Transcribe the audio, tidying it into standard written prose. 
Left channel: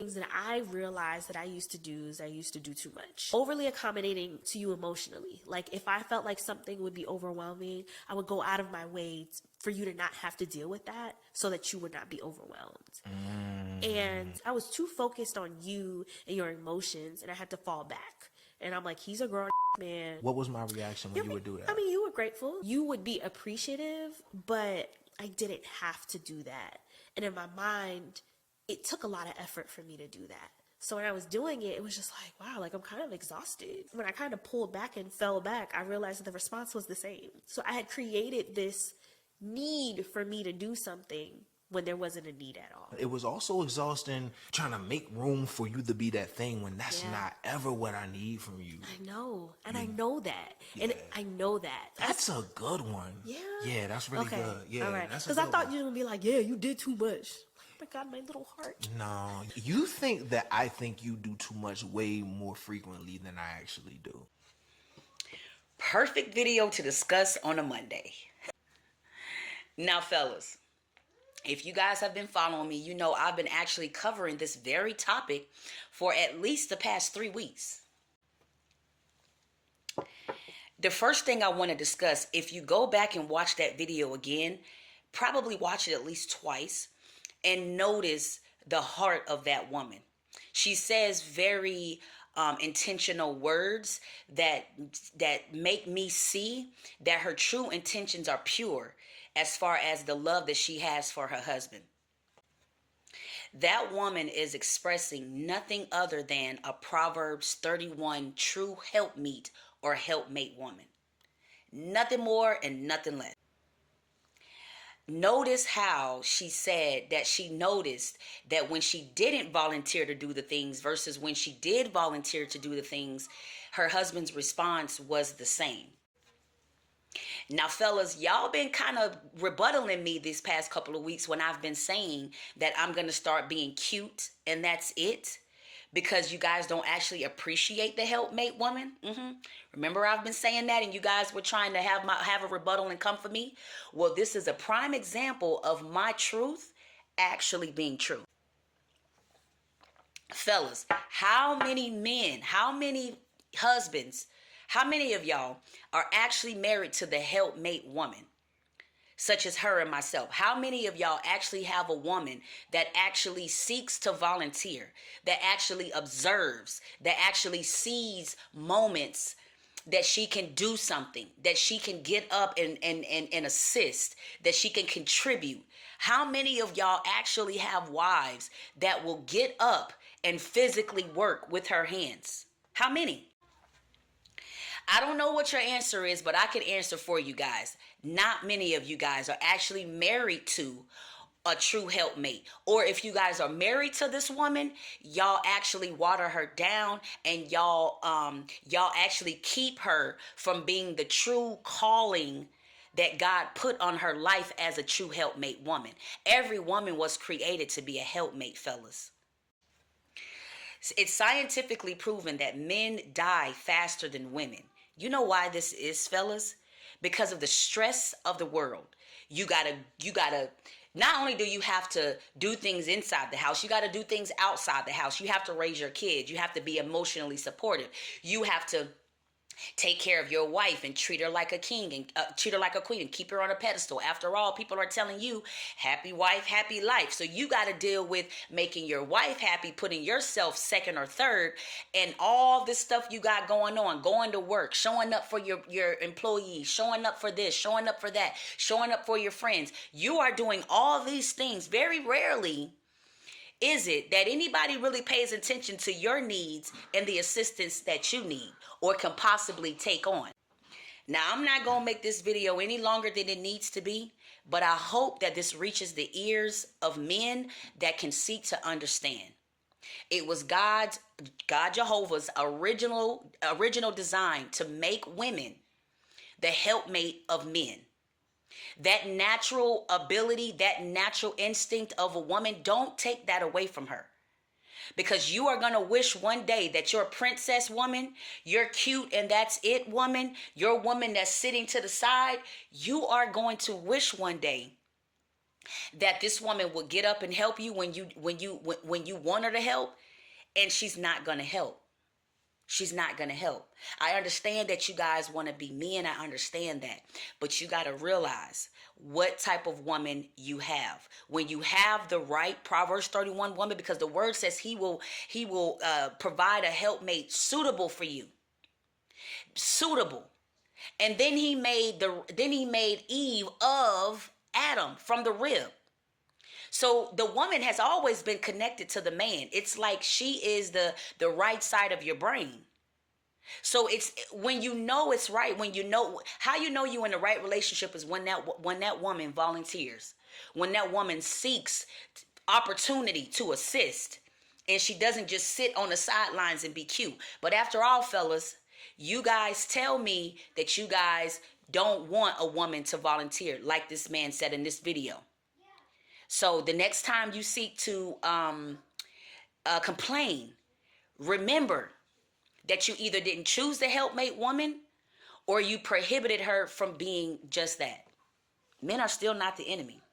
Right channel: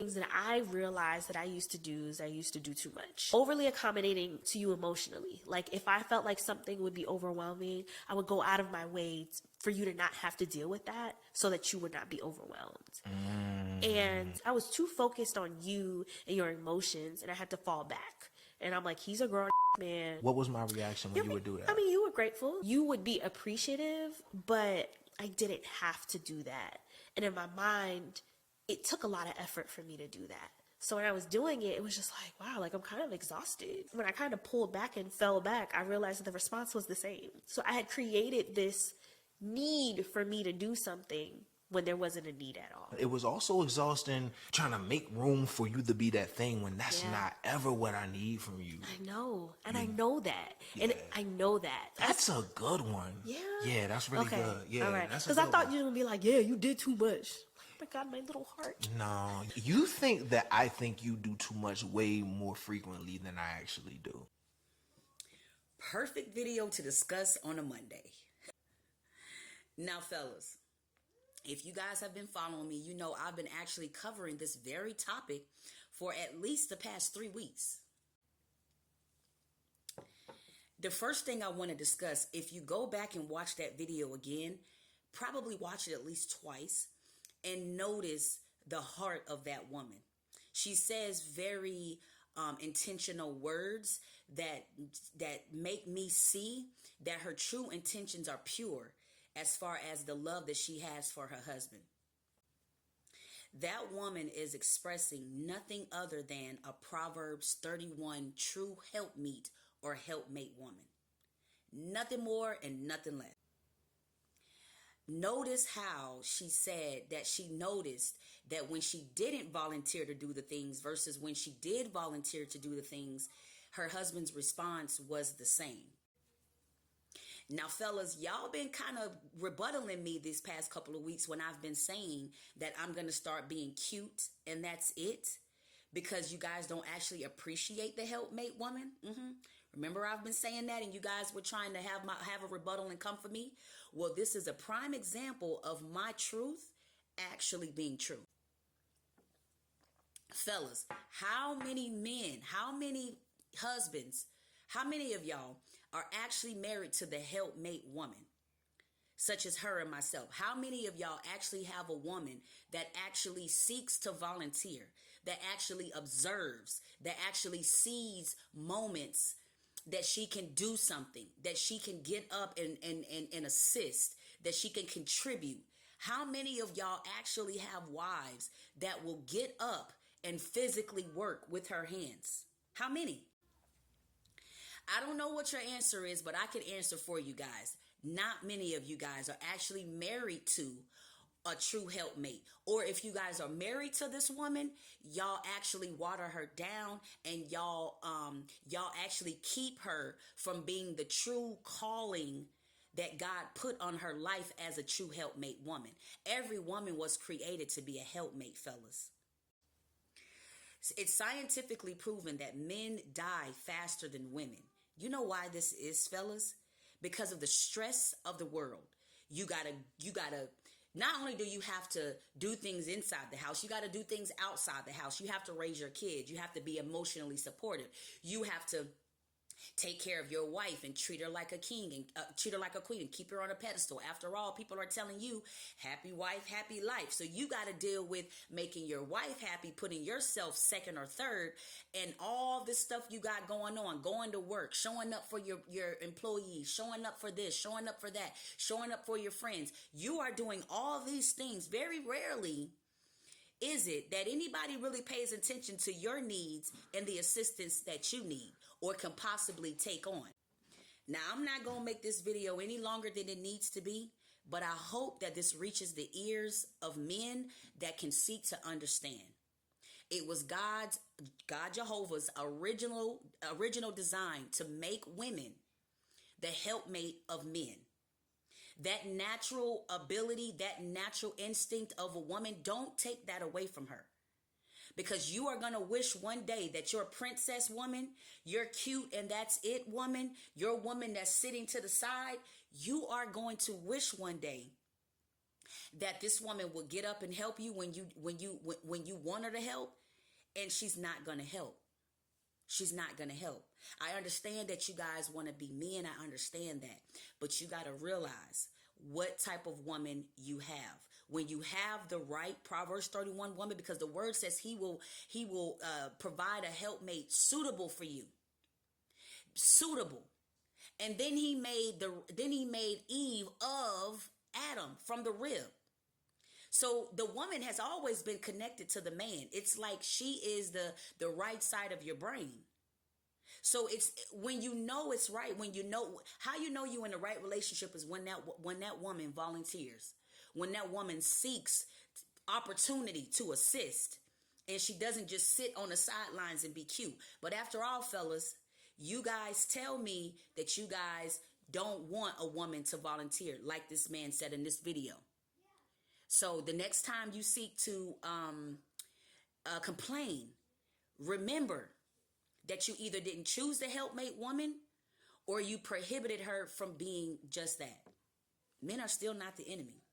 things that I realized that I used to do is I used to do too much. Overly accommodating to you emotionally. Like if I felt like something would be overwhelming, I would go out of my way for you to not have to deal with that so that you would not be overwhelmed. And I was too focused on you and your emotions, and I had to fall back. And I'm like, he's a grown man. What was my reaction when you would do that? I mean, you were grateful. You would be appreciative, but I didn't have to do that. And in my mind, it took a lot of effort for me to do that. So when I was doing it, it was just like, wow, like I'm kind of exhausted. When I kind of pulled back and fell back, I realized that the response was the same. So I had created this need for me to do something when there wasn't a need at all. It was also exhausting trying to make room for you to be that thing when that's not ever what I need from you. I know. And I know that. And I know that. That's a good one. Yeah. Yeah, that's really good. Yeah. All right. That's because I thought you were going to be like, yeah, you did too much. Oh my God, my little heart. No. You think that I think you do too much way more frequently than I actually do. Perfect video to discuss on a Monday. Now, fellas, if you guys have been following me, you know I've been actually covering this very topic for at least the past 3 weeks. The first thing I want to discuss, if you go back and watch that video again, probably watch it at least twice and notice the heart of that woman. She says very intentional words that make me see that her true intentions are pure as far as the love that she has for her husband. That woman is expressing nothing other than a Proverbs 31 true helpmeet or helpmate woman. Nothing more and nothing less. Notice how she said that she noticed that when she didn't volunteer to do the things versus when she did volunteer to do the things, her husband's response was the same. Now, fellas, y'all been kind of rebuttaling me these past couple of weeks when I've been saying that I'm going to start being cute and that's it. Because you guys don't actually appreciate the helpmate woman. Remember I've been saying that and you guys were trying to have a rebuttal and come for me? Well, this is a prime example of my truth actually being true. Fellas, how many men, how many husbands, how many of y'all are actually married to the helpmate woman? Such as her and myself. How many of y'all actually have a woman that actually seeks to volunteer, that actually observes, that actually sees moments that she can do something, that she can get up and assist, that she can contribute? How many of y'all actually have wives that will get up and physically work with her hands? How many? I don't know what your answer is, but I can answer for you guys. Not many of you guys are actually married to a true helpmate. Or if you guys are married to this woman, y'all actually water her down and y'all actually keep her from being the true calling that God put on her life as a true helpmate woman. Every woman was created to be a helpmate, fellas. It's scientifically proven that men die faster than women. You know why this is, fellas? Because of the stress of the world. You gotta, not only do you have to do things inside the house, you gotta do things outside the house. You have to raise your kids. You have to be emotionally supportive. You have to take care of your wife and treat her like a king and treat her like a queen and keep her on a pedestal. After all, people are telling you happy wife, happy life. So you got to deal with making your wife happy, putting yourself second or third, and all this stuff you got going on, going to work, showing up for your employees, showing up for this, showing up for that, showing up for your friends. You are doing all these things. Very rarely is it that anybody really pays attention to your needs and the assistance that you need or can possibly take on. Now, I'm not going to make this video any longer than it needs to be, but I hope that this reaches the ears of men that can seek to understand. It was God Jehovah's original design to make women the helpmate of men. That natural ability, that natural instinct of a woman, don't take that away from her. Because you are going to wish one day that your princess woman, your cute and that's it woman, your woman that's sitting to the side, you are going to wish one day that this woman would get up and help you when you want her to help, and she's not going to help. She's not going to help. I understand that you guys want to be men. I understand that. But you got to realize what type of woman you have. When you have the right Proverbs 31 woman, because the word says he will provide a helpmate suitable for you. Suitable. And then he made Eve of Adam from the rib. So the woman has always been connected to the man. It's like she is the right side of your brain. So it's when you know it's right, when you know how you know you in the right relationship is when that woman volunteers, when that woman seeks opportunity to assist, and she doesn't just sit on the sidelines and be cute. But after all, fellas, you guys tell me that you guys don't want a woman to volunteer, like this man said in this video. So the next time you seek to complain, remember that you either didn't choose the helpmate woman or you prohibited her from being just that. Men are still not the enemy.